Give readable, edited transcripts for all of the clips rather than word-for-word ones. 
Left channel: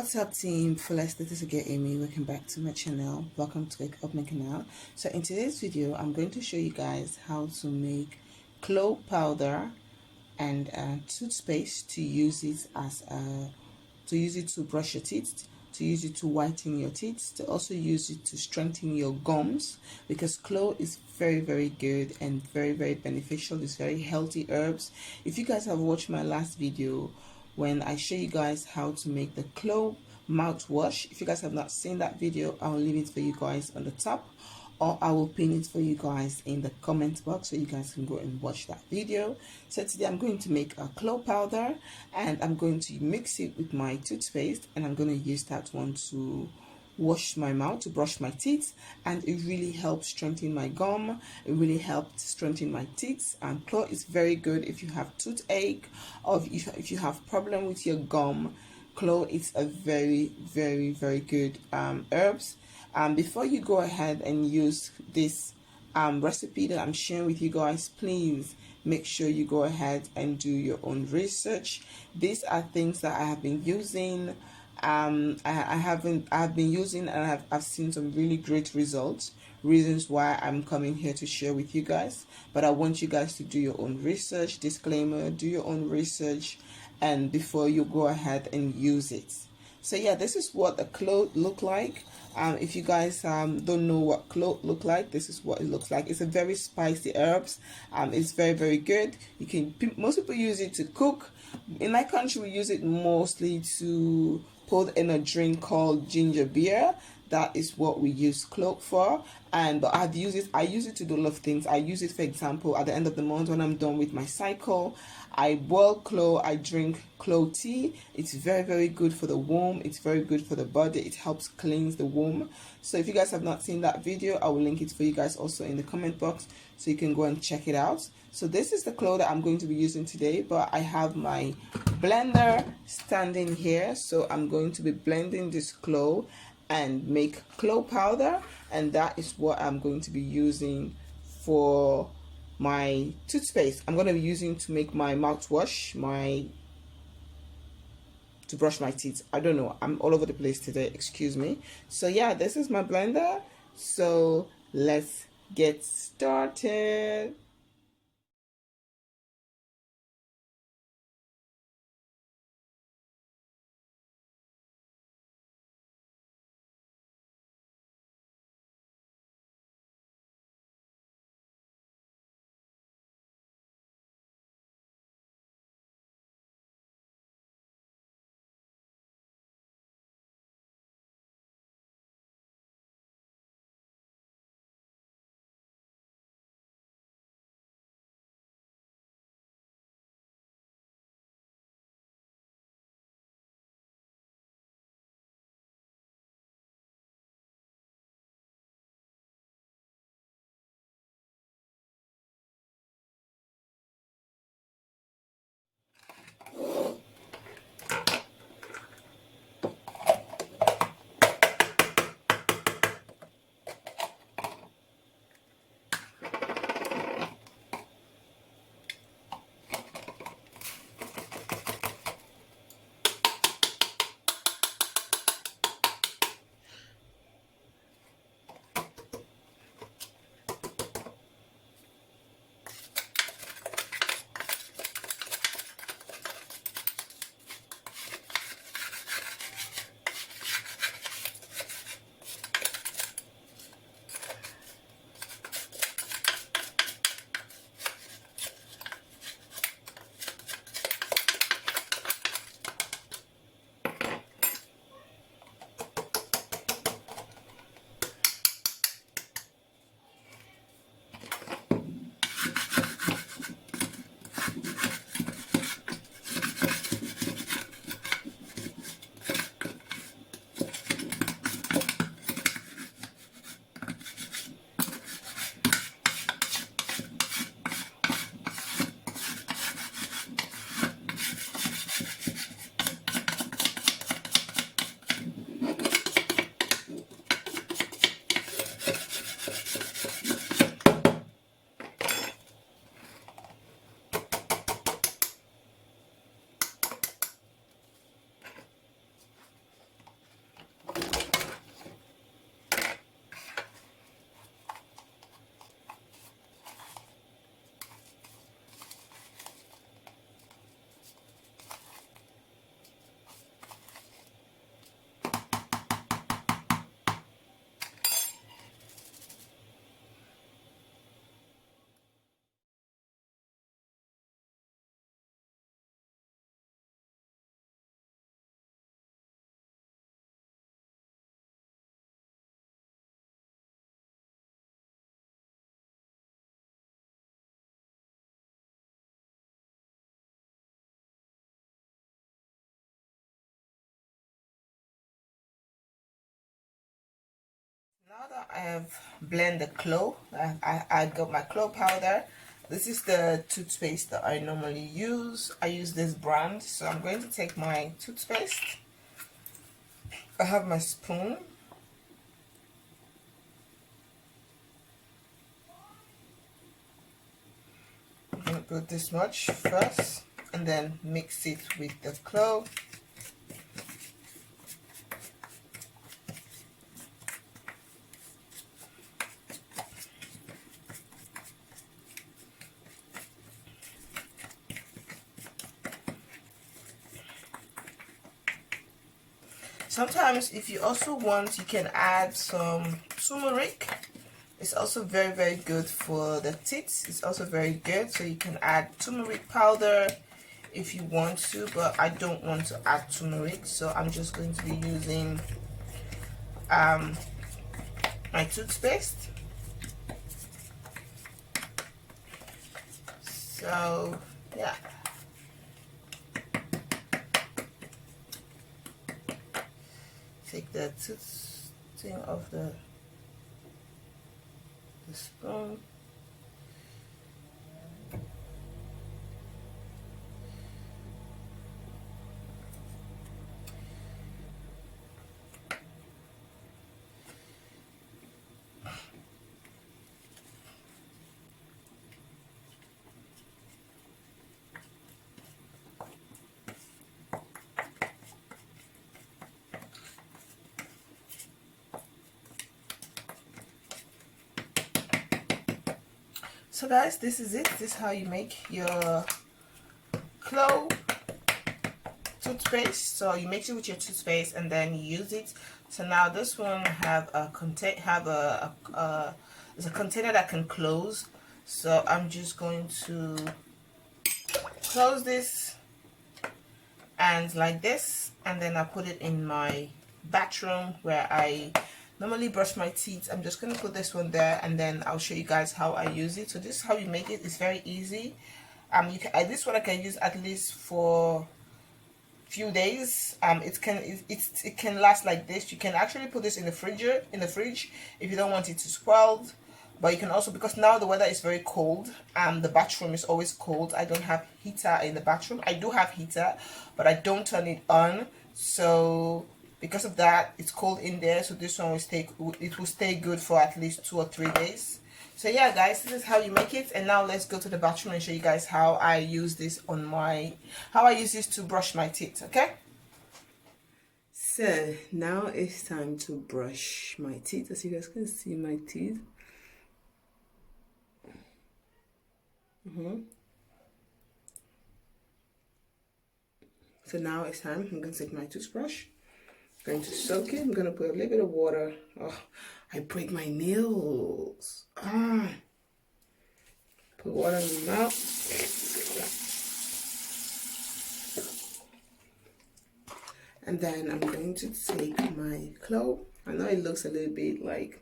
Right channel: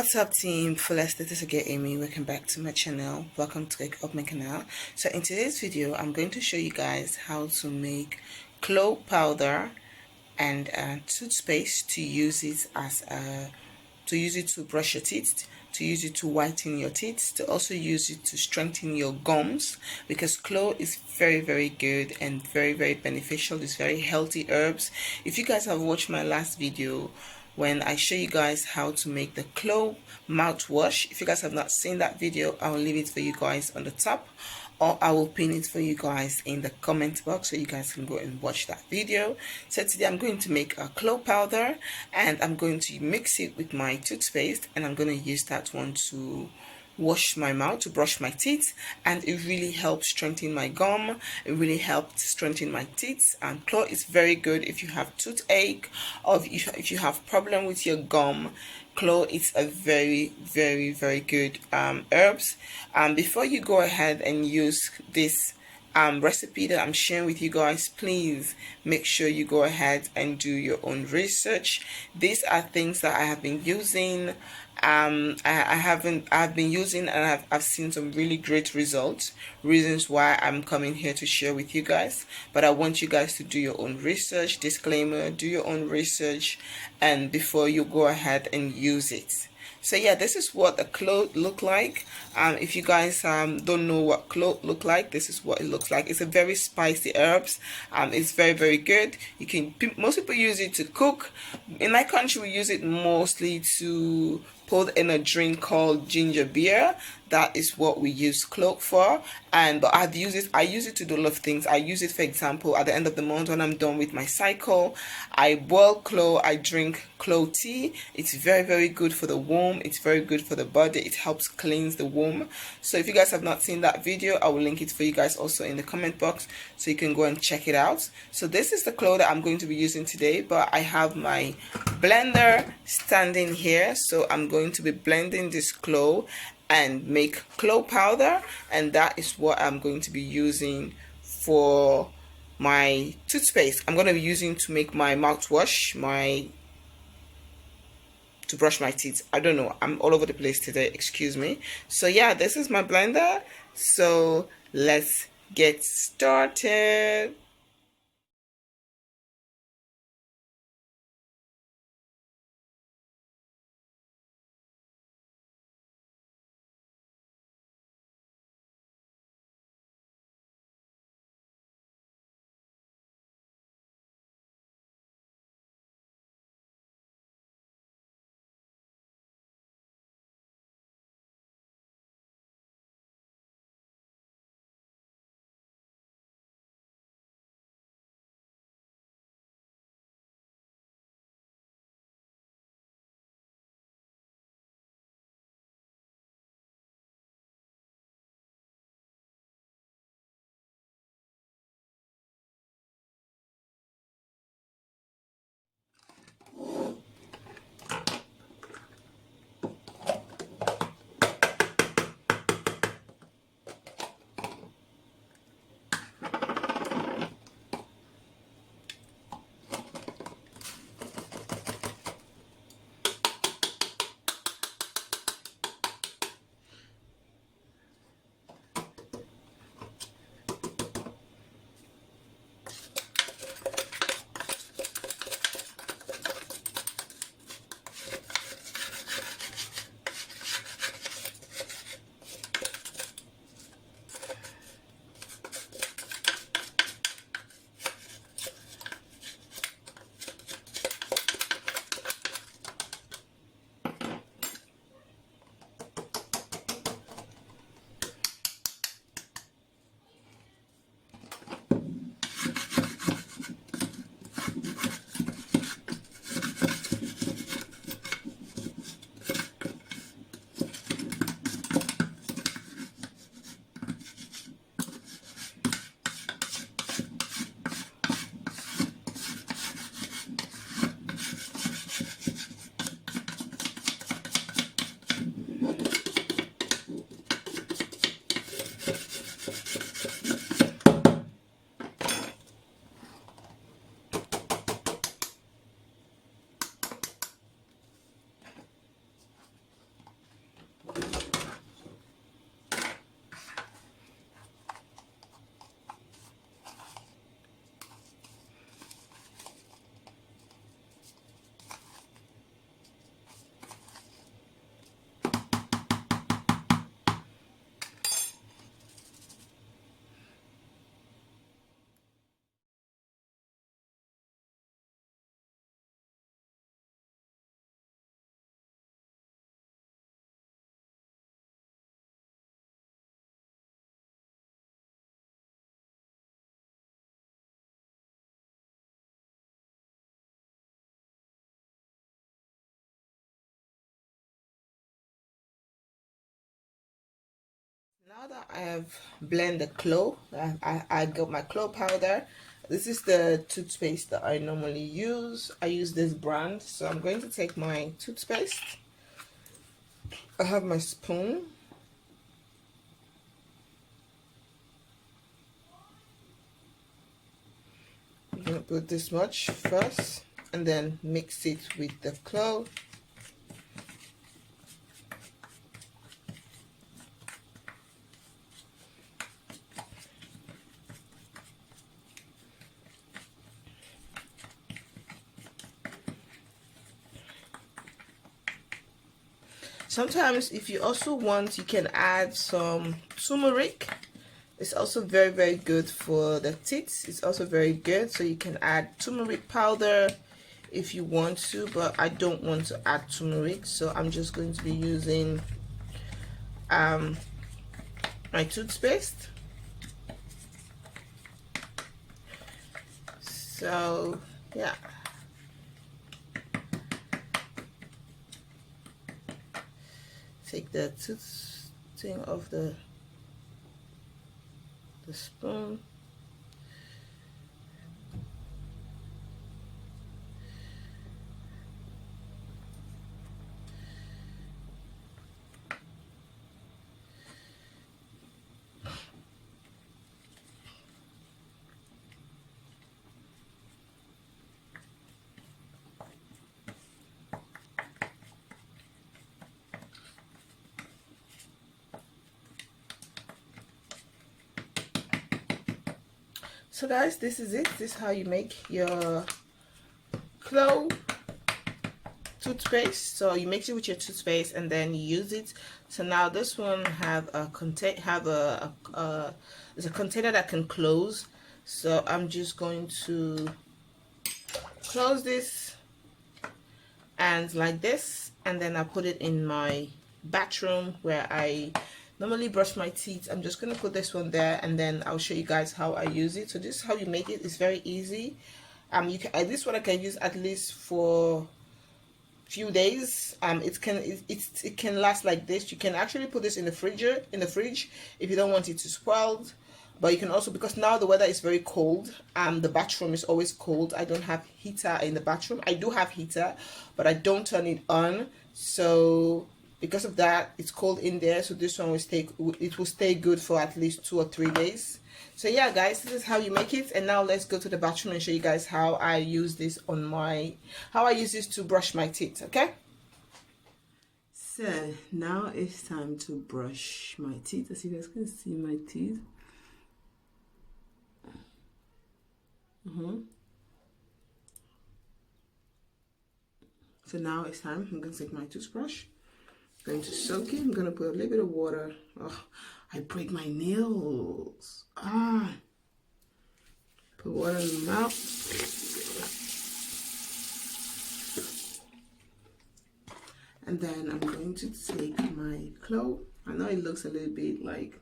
What's up, team? Fullest, this is again Amy. Welcome back to my channel. Welcome to my canal. So in today's video, I'm going to show you guys how to make clove powder and toothpaste to use it as to brush your teeth, to use it to whiten your teeth, to also use it to strengthen your gums, because clove is very good and very beneficial. It's very healthy herbs. If you guys have watched my last video when I show you guys how to make the clove mouthwash, if you guys have not seen that video, I'll leave it for you guys on the top, or I will pin it for you guys in the comment box so you guys can go and watch that video. So today I'm going to make a clove powder, and I'm going to mix it with my toothpaste, and I'm going to use that one to wash my mouth, to brush my teeth, and it really helps strengthen my gum. It really helps strengthen my teeth. And clove is very good if you have toothache, or if you have problem with your gum. Clove is a very good herbs. Before you go ahead and use this recipe that I'm sharing with you guys, please make sure you go ahead and do your own research. These are things that I have been using. I've been using, and I've seen some really great results, reasons why I'm coming here to share with you guys. But I want you guys to do your own research. Disclaimer: do your own research and before you go ahead and use it. So yeah, this is what the clove look like. If you guys don't know what clove look like, this is what it looks like. It's a very spicy herbs. It's very good. Most people use it to cook. In my country, we use it mostly to put in a drink called ginger beer. That is what we use clove for. But I use it to do a lot of things. I use it, for example, at the end of the month when I'm done with my cycle, I boil clove, I drink clove tea. It's very good for the womb. It's very good for the body. It helps cleanse the womb. So if you guys have not seen that video, I will link it for you guys also in the comment box so you can go and check it out. So this is the clove that I'm going to be using today, but I have my blender standing here, so I'm going to be blending this clove and make clove powder, and that is what I'm going to be using for my toothpaste. I'm going to be using to make my mouthwash, to brush my teeth. I don't know, I'm all over the place today, excuse me. So yeah, this is my blender, so let's get started. that I have blended the clove, I got my clove powder. This is the toothpaste that I normally use. I use this brand, so I'm going to take my toothpaste. I have my spoon. I'm going to put this much first and then mix it with the clove. Sometimes if you also want, you can add some turmeric. It's also very good for the teeth. It's also very good, so you can add turmeric powder if you want to, but I don't want to add turmeric, so I'm just going to be using my toothpaste. So yeah, take the tooth thing off the spoon. So guys, this is it. This is how you make your clove toothpaste. So you mix it with your toothpaste and then you use it. So now this one have a it's a container that can close. So I'm just going to close this and like this, and then I put it in my bathroom where I normally brush my teeth. I'm just going to put this one there, and then I'll show you guys how I use it. So this is how you make it. It's very easy. This one I can use at least for few days. It can last like this. You can actually put this in the fridge if you don't want it to spoil. But you can also, because now the weather is very cold, the bathroom is always cold. I don't have heater in the bathroom. I do have heater, but I don't turn it on. So because of that, it's cold in there. So this one will stay good for at least 2 or 3 days. So yeah, guys, this is how you make it. And now let's go to the bathroom and show you guys how I use this to brush my teeth. Okay. So now it's time to brush my teeth. As you guys can see, my teeth. So now it's time. I'm going to take my toothbrush. I'm going to soak it. I'm going to put a little bit of water. Oh, I break my nails. Put water in my mouth. And then I'm going to take my clove. I know it looks a little bit like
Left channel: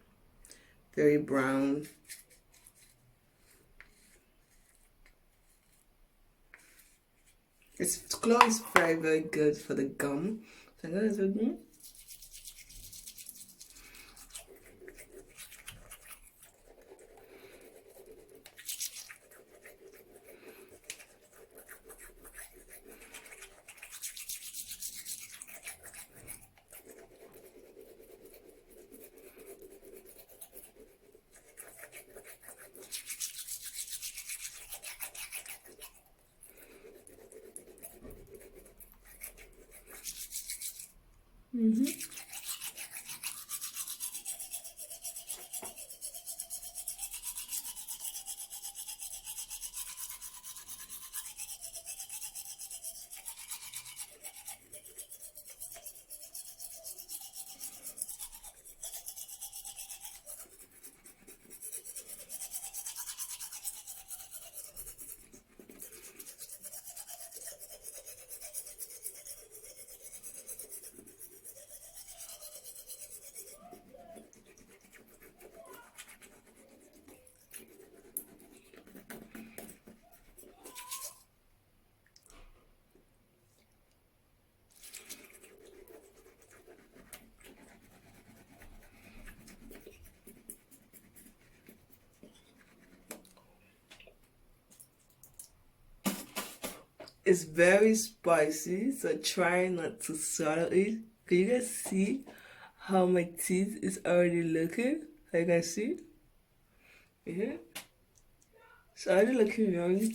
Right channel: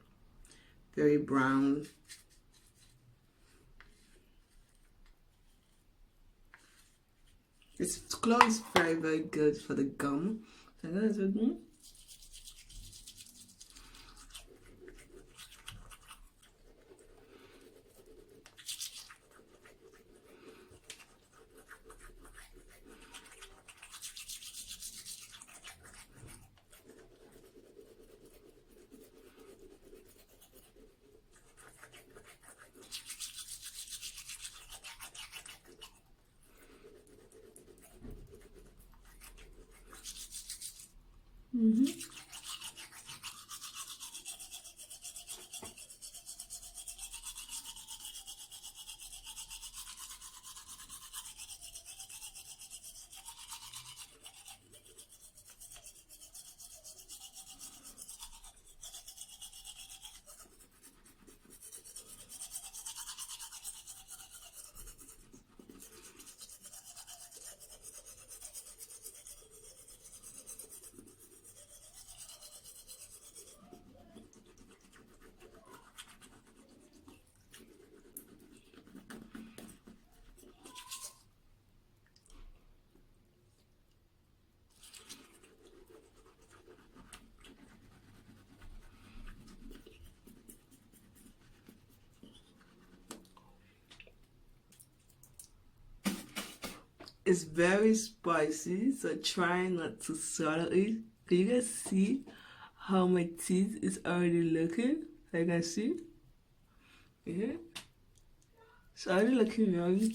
very brown. Clove is very good for the gum. So I'm going to do It's very spicy, so try not to swallow it. Can you guys see how my teeth is already looking? Like, you guys see? Yeah. It's already looking young.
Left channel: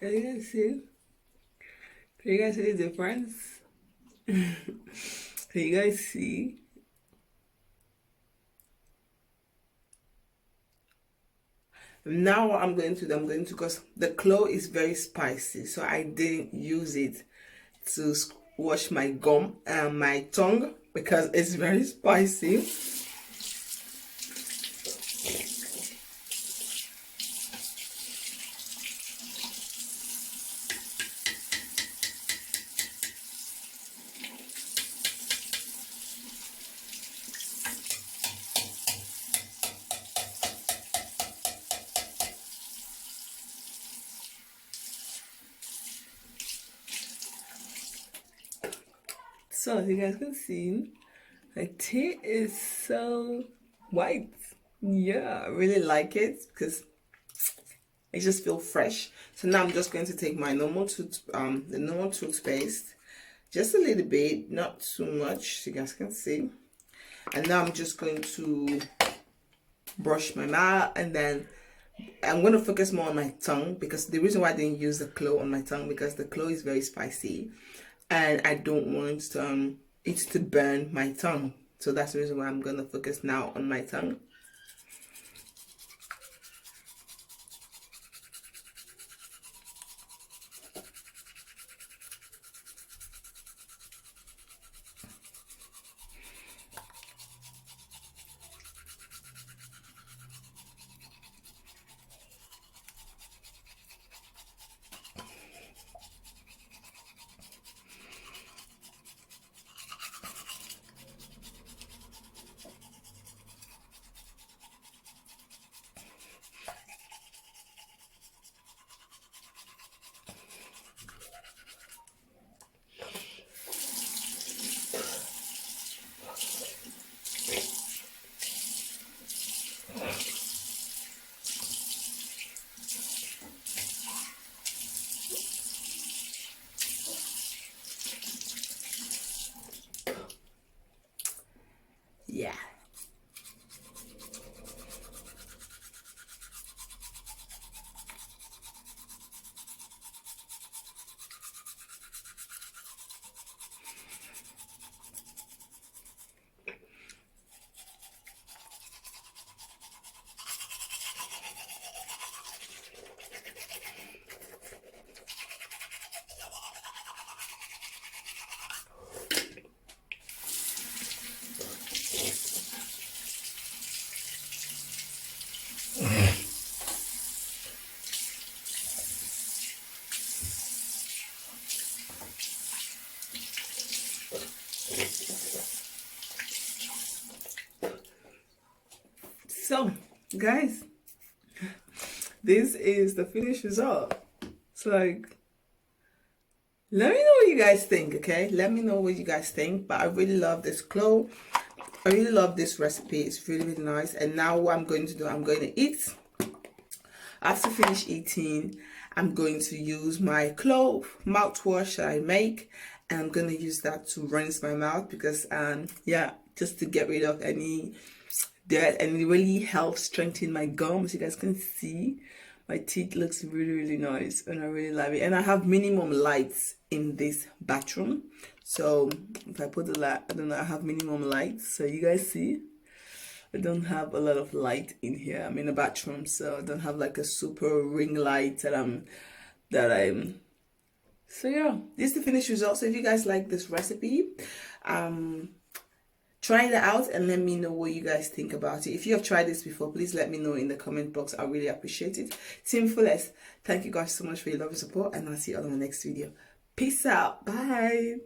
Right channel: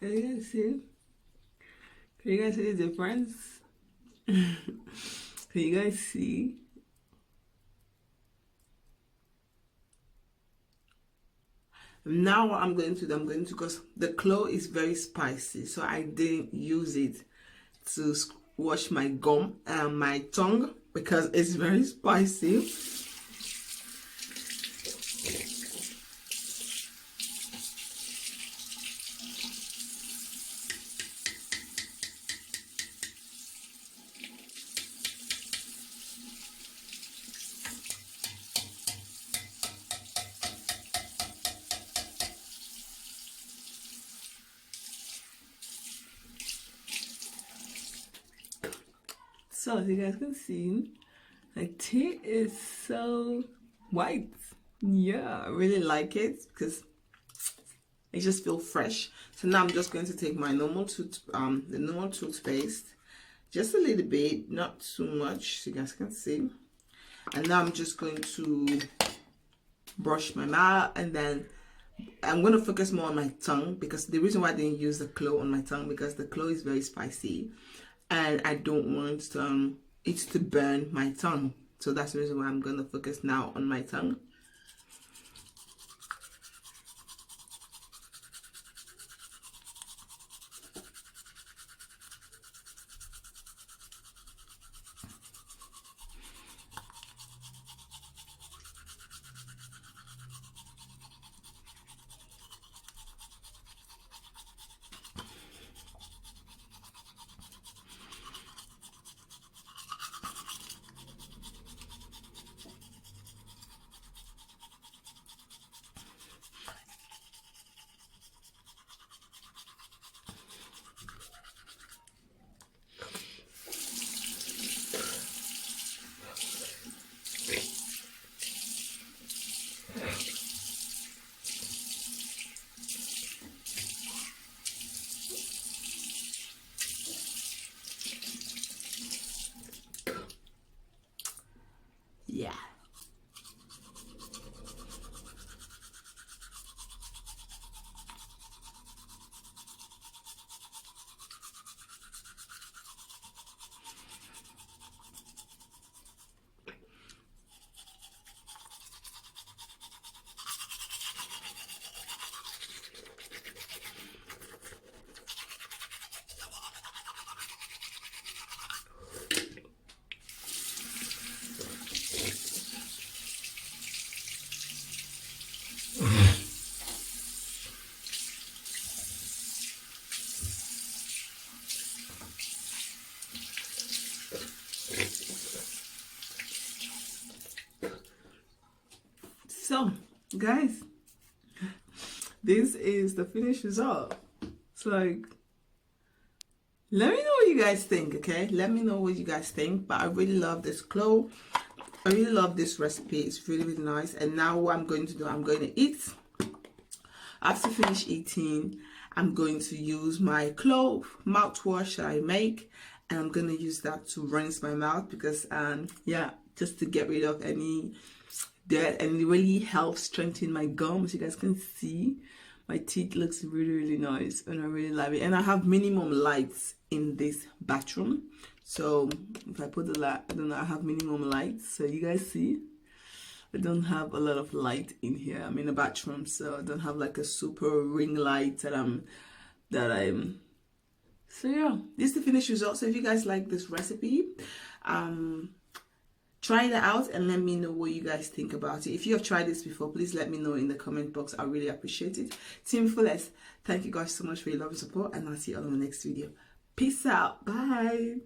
Can you guys see? Can you guys see the difference? Can you guys see? Now what I'm going to do, because the clove is very spicy, so I didn't use it to wash my gum and my tongue because it's very spicy. So as you guys can see, my tea is so white. Yeah, I really like it because it just feels fresh. So now I'm just going to take my normal the normal toothpaste, just a little bit, not too much, so you guys can see. And now I'm just going to brush my mouth, and then I'm going to focus more on my tongue, because the reason why I didn't use the clove on my tongue, because the clove is very spicy and I don't want it to burn my tongue. So that's the reason why I'm going to focus now on my tongue. Yeah. So, guys, this is the finished result. So, like, let me know what you guys think, okay? Let me know what you guys think. But I really love this clove. I really love this recipe. It's really, really nice. And now what I'm going to do, I'm going to eat. After finish eating, I'm going to use my clove mouthwash that I make. And I'm going to use that to rinse my mouth because, yeah, just to get rid of any dirt. And it really helps strengthen my gums. You guys can see my teeth looks really, really nice. And I really love it. And I have minimum lights in this bathroom. So if I put the light, I don't know, I have minimum lights. So you guys see. I don't have a lot of light in here. I'm in a bathroom, so I don't have like a super ring light that I'm so yeah, this is the finished result. So if you guys like this recipe, try it out and let me know what you guys think about it. If you have tried this before, please let me know in the comment box. I really appreciate it. Team Fullest, thank you guys so much for your love and support, and I'll see you all in the next video. Peace out. Bye.